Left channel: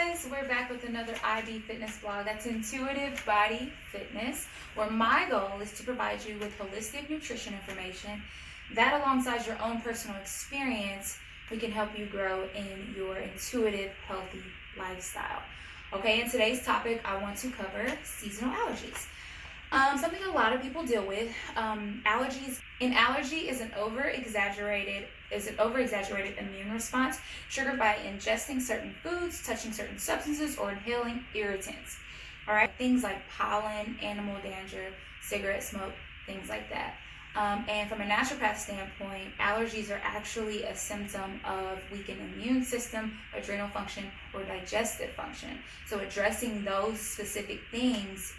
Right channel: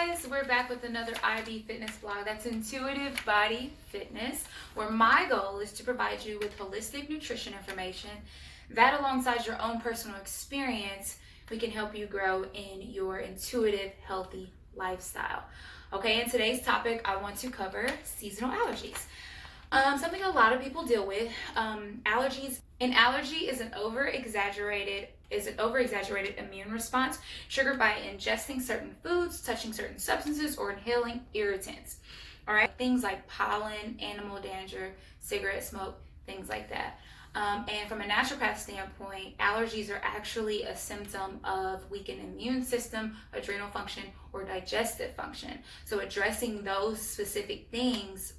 guys, we're back with another ID fitness blog. That's Intuitive Body Fitness, where my goal is to provide you with holistic nutrition information that, alongside your own personal experience, we can help you grow in your intuitive, healthy lifestyle. Okay, in today's topic, I want to cover seasonal allergies. Something a lot of people deal with. Allergies. An allergy is an over-exaggerated immune response triggered by ingesting certain foods, touching certain substances, or inhaling irritants. All right, things like pollen, animal dander, cigarette smoke, things like that. And from a naturopath standpoint, allergies are actually a symptom of weakened immune system, adrenal function, or digestive function. So addressing those specific things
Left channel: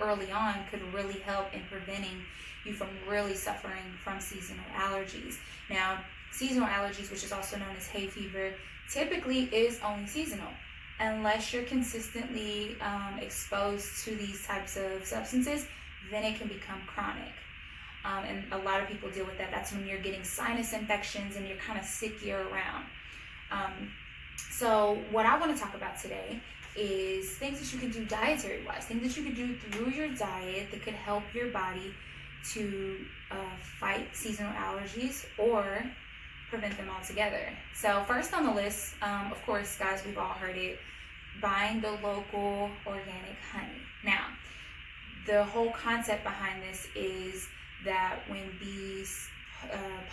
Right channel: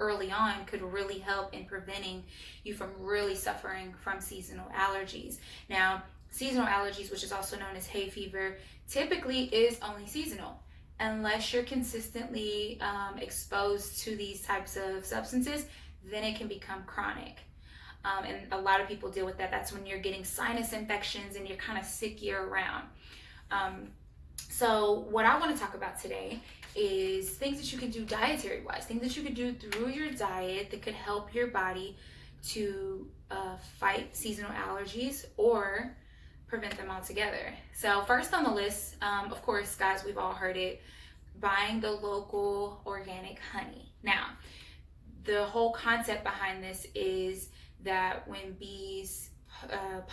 early on could really help in preventing you from really suffering from seasonal allergies. Now, seasonal allergies, which is also known as hay fever, typically is only seasonal unless you're consistently exposed to these types of substances. Then it can become chronic. And a lot of people deal with that. That's when you're getting sinus infections and you're kind of sick year-round. So what I want to talk about today is things that you can do dietary-wise, things that you can do through your diet that could help your body to fight seasonal allergies or prevent them altogether. So first on the list, of course, guys, we've all heard it, buying the local organic honey. Now, the whole concept behind this is that when bees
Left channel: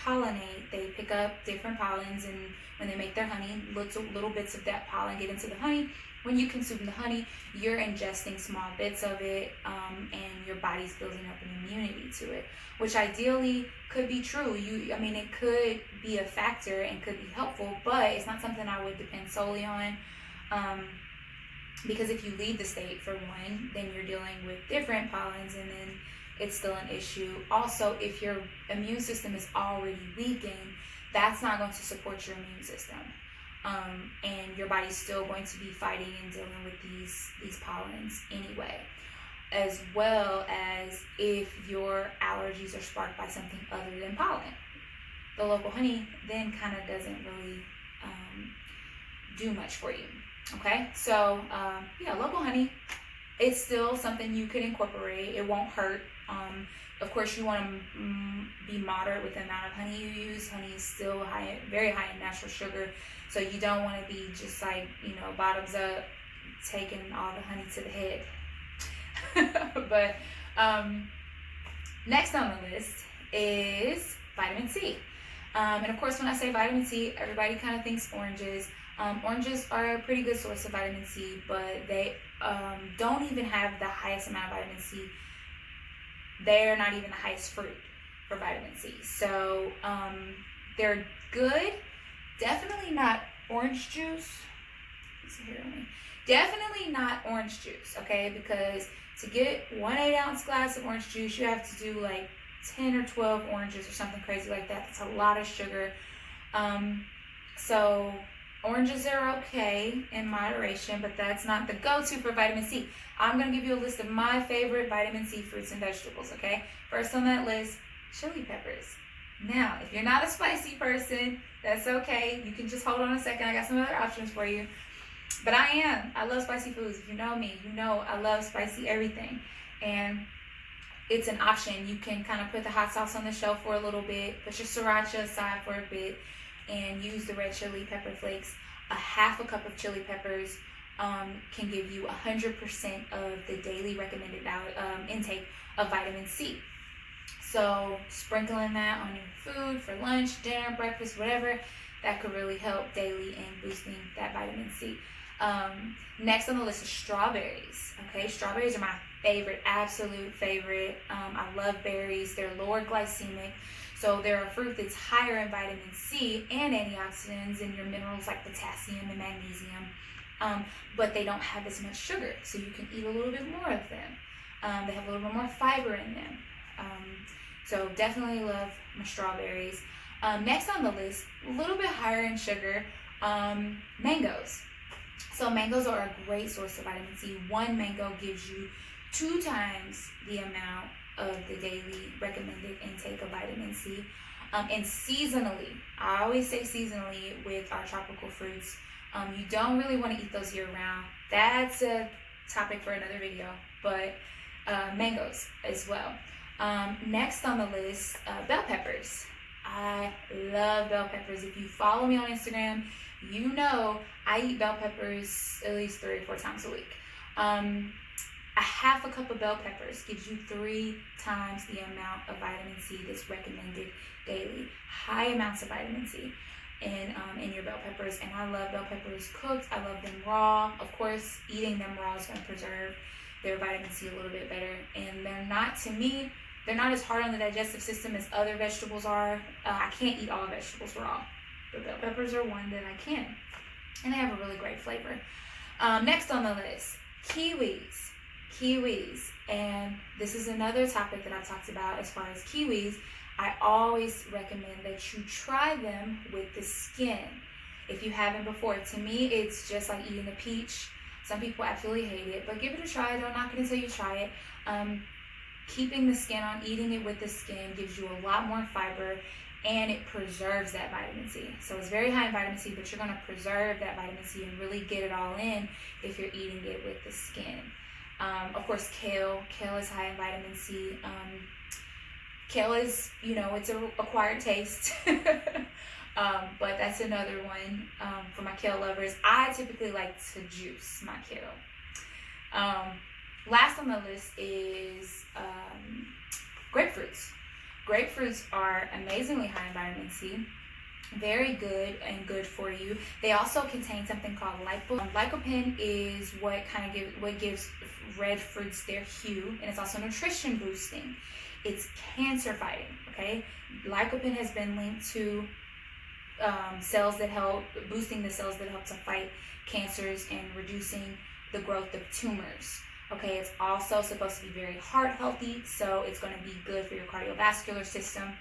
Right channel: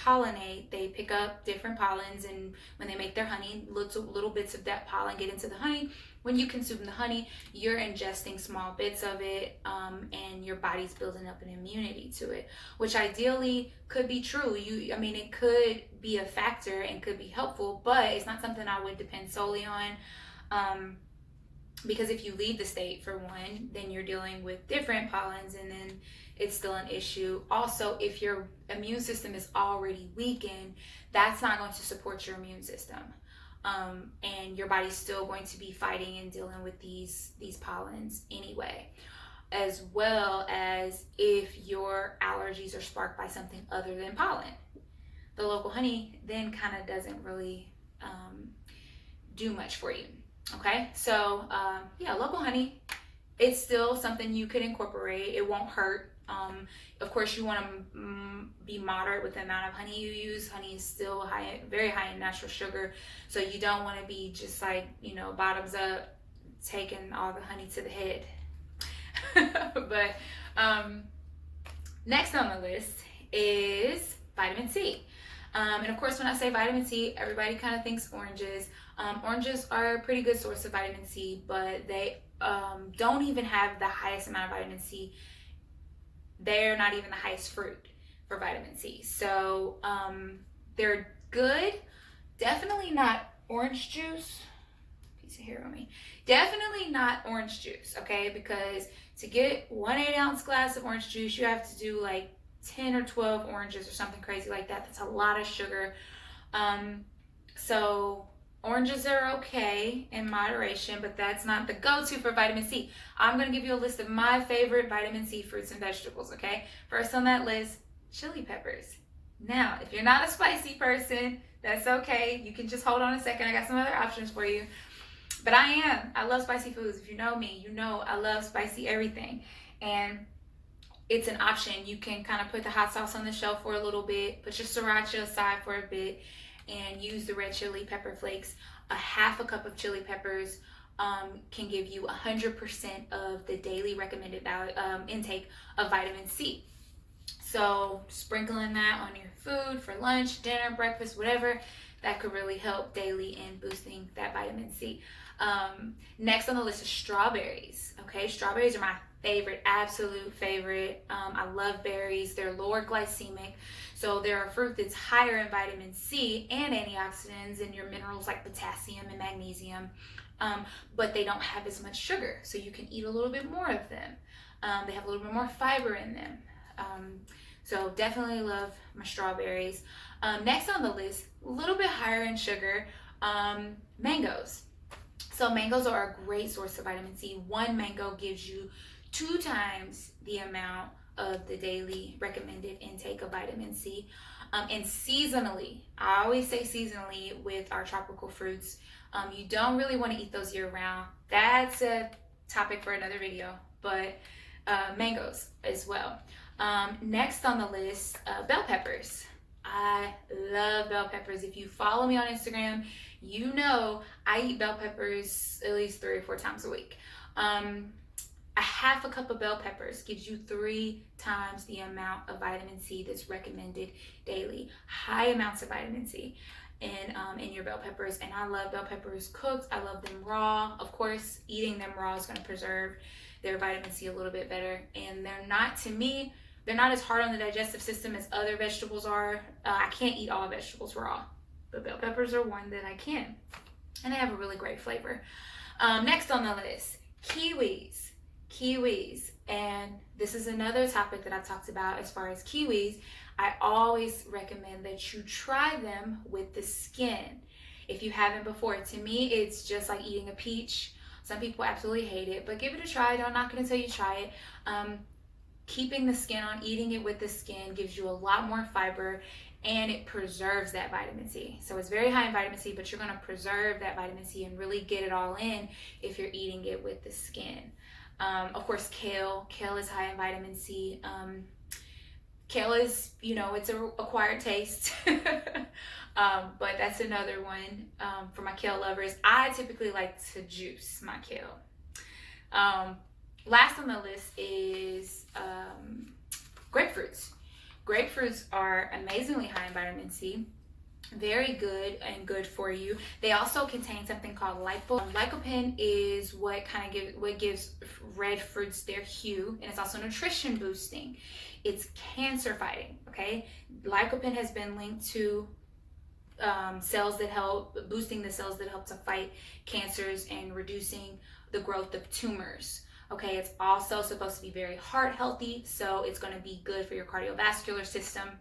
pollinate, they pick up different pollens, and when they make their honey, little bits of that pollen get into the honey. When you consume the honey, you're ingesting small bits of it, and your body's building up an immunity to it, which ideally could be true. It could be a factor and could be helpful, but it's not something I would depend solely on. Because if you leave the state, for one, then you're dealing with different pollens, and then it's still an issue. Also, if your immune system is already weakened, that's not going to support your immune system. And your body's still going to be fighting and dealing with these pollens anyway. As well as if your allergies are sparked by something other than pollen. The local honey then kind of doesn't really do much for you. Okay, so local honey, it's still something you could incorporate. It won't hurt. Of course, you want to be moderate with the amount of honey you use. Honey is still very high in natural sugar, so you don't want to be just like, bottoms up, taking all the honey to the head. But next on the list is vitamin C. And of course, when I say vitamin C, everybody kind of thinks oranges. Oranges are a pretty good source of vitamin C, but they don't even have the highest amount of vitamin C. They're not even the highest fruit for vitamin C. So they're good. Definitely not orange juice. Piece of hair on me. Definitely not orange juice, okay? Because to get 1 8-ounce glass of orange juice, you have to do like 10 or 12 oranges or something crazy like that. That's a lot of sugar. So oranges are okay in moderation, but that's not the go-to for vitamin C. I'm going to give you a list of my favorite vitamin C fruits and vegetables, okay? First on that list, chili peppers. Now, if you're not a spicy person, that's okay. You can just hold on a second. I got some other options for you. But I am. I love spicy foods. If you know me, you know I love spicy everything. And it's an option. You can kind of put the hot sauce on the shelf for a little bit, put your sriracha aside for a bit, and use the red chili pepper flakes. A half a cup of chili peppers can give you 100% of the daily recommended intake of vitamin C. So sprinkling that on your food for lunch, dinner, breakfast, whatever, that could really help daily in boosting that vitamin C. Next on the list is strawberries. Okay, strawberries are my favorite, absolute favorite. I love berries. They're lower glycemic. So they're a fruit that's higher in vitamin C and antioxidants and your minerals like potassium and magnesium, but they don't have as much sugar, so you can eat a little bit more of them. They have a little bit more fiber in them. So definitely love my strawberries. Next on the list, a little bit higher in sugar, mangoes. So mangoes are a great source of vitamin C. One mango gives you 2 times the amount of the daily recommended intake of vitamin C. And seasonally, I always say seasonally with our tropical fruits, You don't really want to eat those year round. That's a topic for another video, but mangoes as well. Next on the list, bell peppers. I love bell peppers. If you follow me on Instagram, you know I eat bell peppers at least 3 or 4 times a week. A half a cup of bell peppers gives you 3 times the amount of vitamin C that's recommended daily. High amounts of vitamin C in your bell peppers, and I love bell peppers cooked. I love them raw. Of course, eating them raw is going to preserve their vitamin C a little bit better, and they're not, to me, they're not as hard on the digestive system as other vegetables are. I can't eat all vegetables raw, but bell peppers are one that I can, and they have a really great flavor. Next on the list, kiwis. And this is another topic that I talked about as far as kiwis. I always recommend that you try them with the skin if you haven't before. To me, it's just like eating a peach. Some people absolutely hate it, but give it a try. Don't knock it until you try it. Keeping the skin on, eating it with the skin gives you a lot more fiber, and it preserves that vitamin C. So it's very high in vitamin C, but you're going to preserve that vitamin C and really get it all in if you're eating it with the skin. Of course, kale. Kale is high in vitamin C. Kale is, it's an acquired taste. But that's another one for my kale lovers. I typically like to juice my kale. Last on the list is grapefruits. Grapefruits are amazingly high in vitamin C. Very good and good for you. They also contain something called lycopene. Lycopene is what gives red fruits their hue, and it's also nutrition boosting. It's cancer fighting. Okay, lycopene has been linked to cells that help boosting the cells that help to fight cancers and reducing the growth of tumors. Okay, it's also supposed to be very heart healthy, so it's going to be good for your cardiovascular system.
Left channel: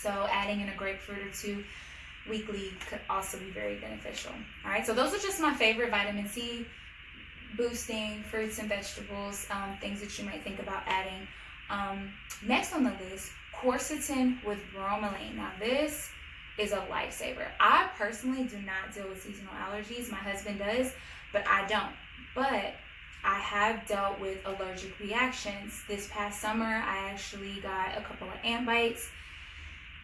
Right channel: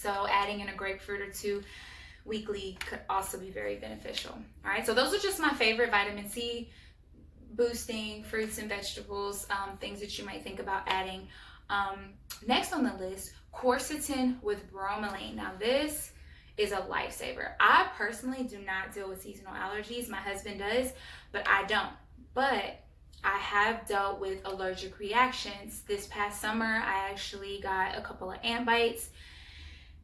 So adding in a grapefruit or 2 weekly could also be very beneficial. All right, so those are just my favorite vitamin C boosting fruits and vegetables, things that you might think about adding. Next on the list, quercetin with bromelain. Now this is a lifesaver. I personally do not deal with seasonal allergies. My husband does, but I don't. But I have dealt with allergic reactions. This past summer, I actually got a couple of ant bites,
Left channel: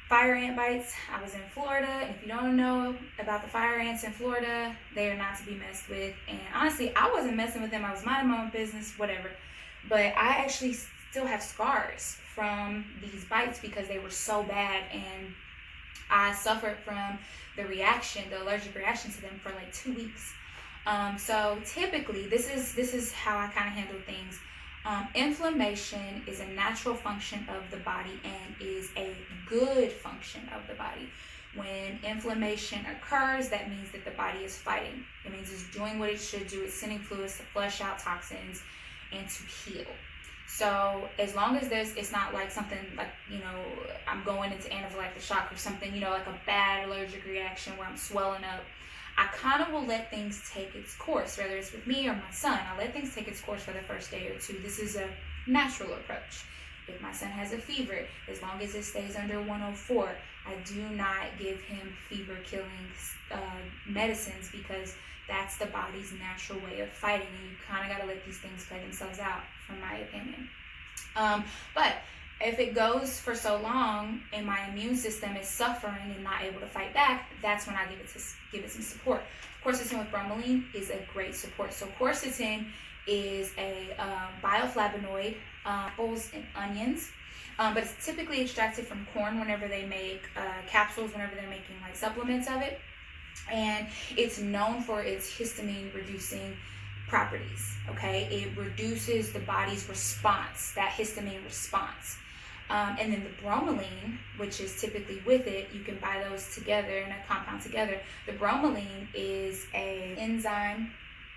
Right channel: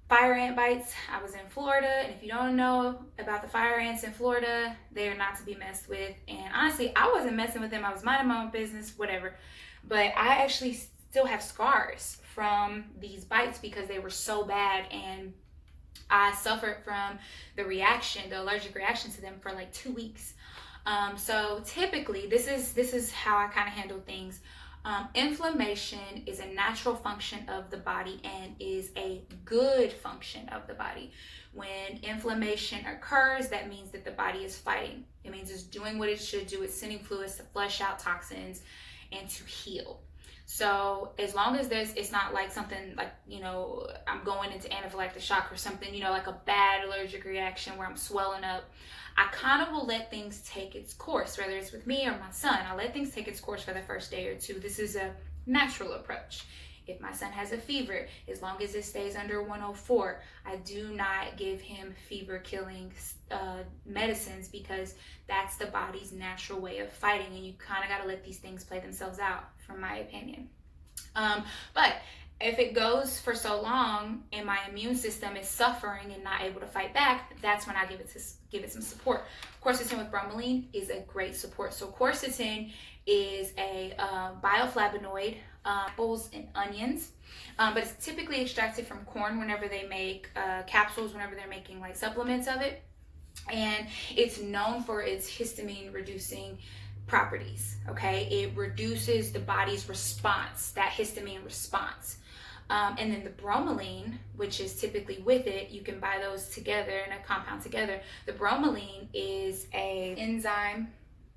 fire ant bites. I was in Florida, and if you don't know about the fire ants in Florida, they are not to be messed with. And honestly, I wasn't messing with them. I was minding my own business, whatever. But I actually still have scars from these bites because they were so bad, and I suffered from the allergic reaction to them for like 2 weeks. So typically, this is how I kind of handle things. Inflammation is a natural function of the body and is a good function of the body. When inflammation occurs, that means that the body is fighting. It means it's doing what it should do. It's sending fluids to flush out toxins and to heal. So as long as it's not like something like, I'm going into anaphylactic shock or something, like a bad allergic reaction where I'm swelling up, I kind of will let things take its course, whether it's with me or my son. I let things take its course for the first day or 2. This is a natural approach. If my son has a fever, as long as it stays under 104, I do not give him fever-killing medicines, because that's the body's natural way of fighting, and you kind of got to let these things play themselves out, from my opinion. But if it goes for so long and my immune system is suffering and not able to fight back, that's when I give it some support. Quercetin with bromelain is a great support. So quercetin is a bioflavonoid, apples and onions, but it's typically extracted from corn whenever they make capsules, whenever they're making like supplements of it. And it's known for its histamine reducing properties. Okay, it reduces the body's response, that histamine response. And then the bromelain, which is typically with it, you can buy those together in a compound together. The bromelain is an enzyme.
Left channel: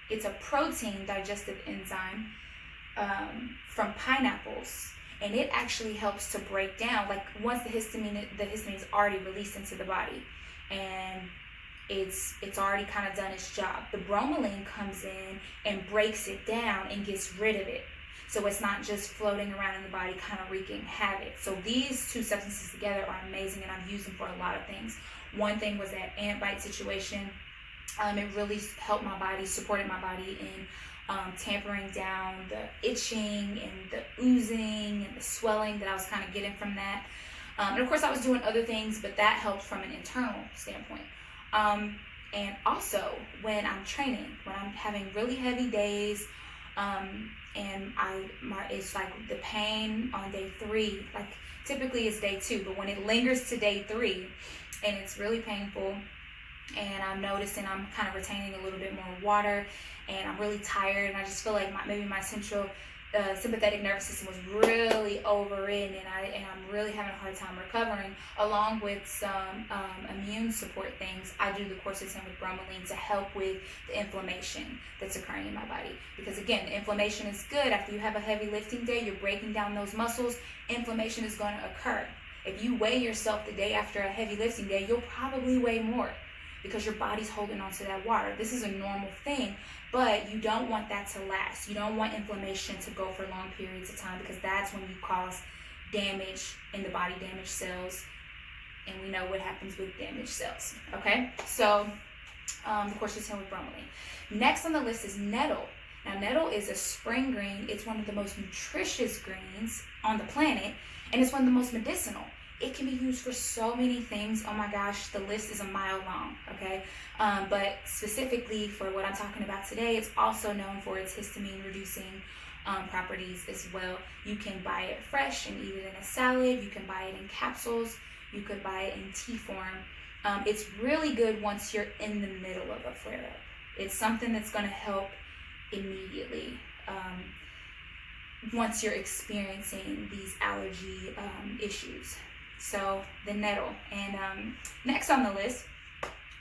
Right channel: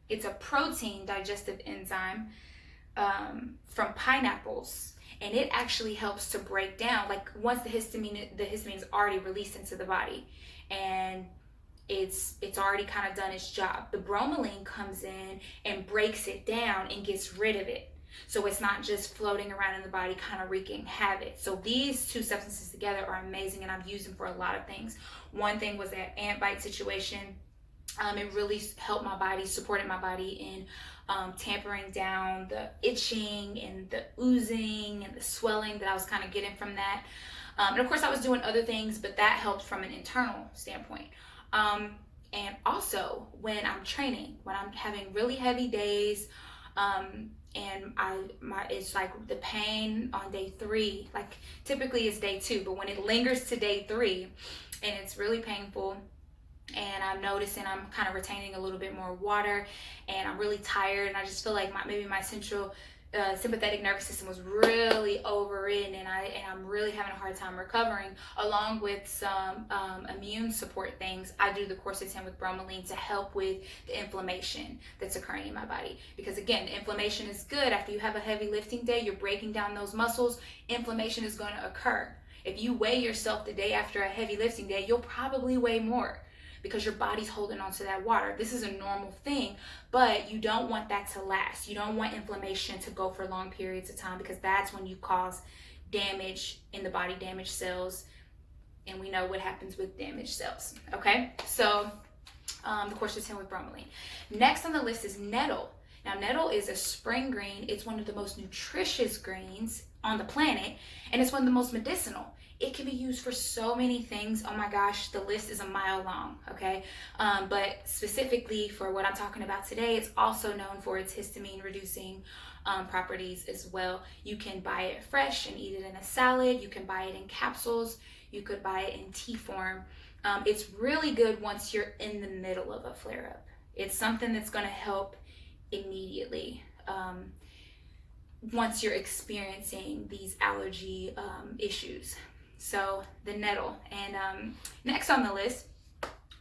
It's a protein digestive enzyme from pineapples, and it actually helps to break down, like once the histamine is already released into the body, and it's already kind of done its job. The bromelain comes in and breaks it down and gets rid of it. So it's not just floating around in the body, kind of wreaking havoc. So these 2 substances together are amazing, and I've used them for a lot of things. One thing was that ant bite situation. It really helped my body, supported my body in tampering down the itching and the oozing and the swelling that I was kind of getting from that. And of course I was doing other things, but that helped from an internal standpoint. And also when I'm training, when I'm having really heavy days, and it's like the pain on day 3, like typically it's day 2, but when it lingers to day 3 and it's really painful, and I'm noticing I'm kind of retaining a little bit more water, and I'm really tired, and I just feel like maybe my central sympathetic nervous system was really overridden, and I'm really having a hard time recovering, along with some immune support things. I do the quercetin with bromelain to help with the inflammation that's occurring in my body, because again, the inflammation is good. After you have a heavy lifting day, you're breaking down those muscles, inflammation is going to occur. If you weigh yourself the day after a heavy lifting day, you'll probably weigh more, because your body's holding on to that water. This is a normal thing, but you don't want that to last. You don't want inflammation to go for long periods of time, because that's when you cause damage in the body, damaged cells, and we know what happens with damaged cells, okay? So, of course, it's in with bromelain. Next on the list is nettle. Now, nettle is a spring green. It's one of the most nutritious greens on the planet, and it's one of the most medicinal. It can be used for so many things. Oh my gosh, the list is a mile long, okay? But specifically for what I'm talking about today, it's also known for its histamine reducing properties as well. You can buy it fresh and eat it in a salad. You can buy it in capsules. You could buy it in tea form. It's really good once you're in the middle of a flare-up. It's something that's going to help immediately once you're experiencing these allergy issues. So the nettle. And next on the list,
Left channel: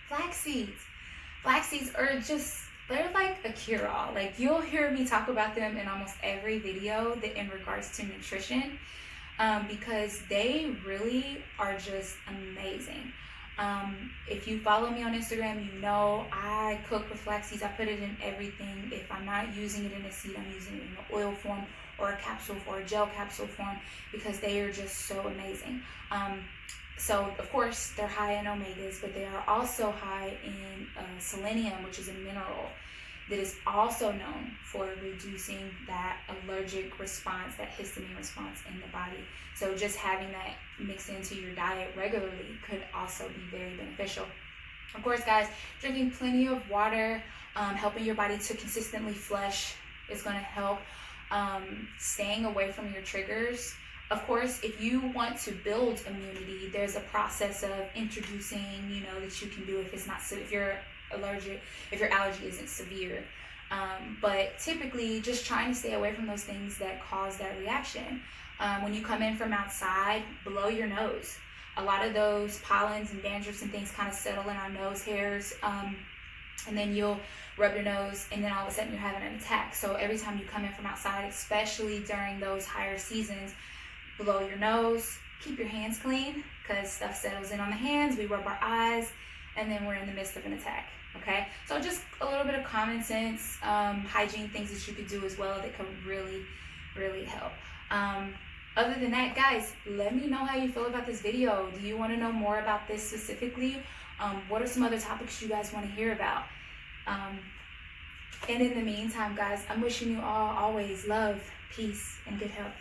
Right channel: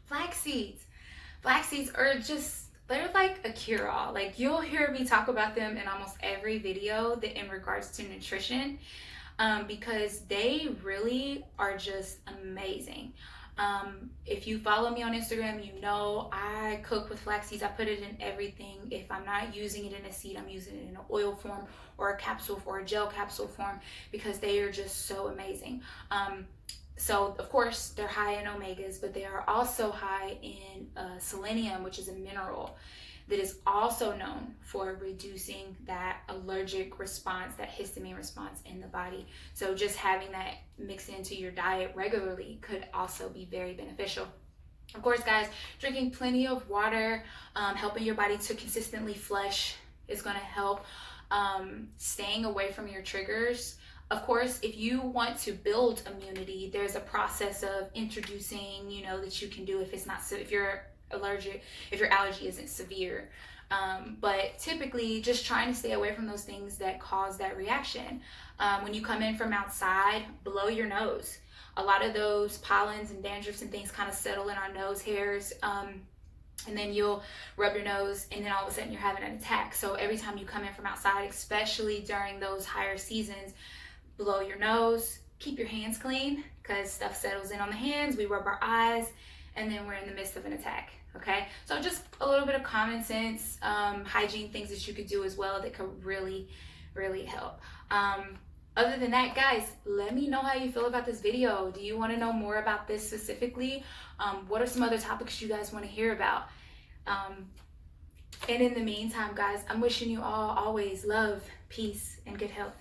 flax seeds. Flax seeds are they're like a cure-all. Like, you'll hear me talk about them in almost every video that in regards to nutrition, because they really are just amazing. If you follow me on Instagram, you know I cook with flax seeds. I put it in everything. If I'm not using it in a seed, I'm using it in an oil form or a capsule or a gel capsule form, because they are just so amazing. So of course they're high in omegas, but they are also high in selenium, which is a mineral that is also known for reducing that allergic response, that histamine response in the body. So just having that mixed into your diet regularly could also be very beneficial. Of course, guys, drinking plenty of water, helping your body to consistently flush is going to help. Staying away from your triggers. Of course, if you want to build immunity, there's a process of introducing, that you can do if your allergy isn't severe. But typically, just trying to stay away from those things that cause that reaction. When you come in from outside, blow your nose. A lot of those pollens and dandruffs and things kind of settle in our nose hairs. And then you'll rub your nose, and then all of a sudden you're having an attack. So every time you come in from outside, especially during those higher seasons, blow your nose, keep your hands clean, because stuff settles in on the hands, we rub our eyes, and then we're in the midst of an attack, okay? So just a little bit of common sense, hygiene things that you could do as well that could really, really help. Other than that, guys, let me know how you feel about this video. Do you want to know more about this specifically? What are some other topics you guys want to hear about? And in the meantime, guys, I'm wishing you all always love, peace, and good health.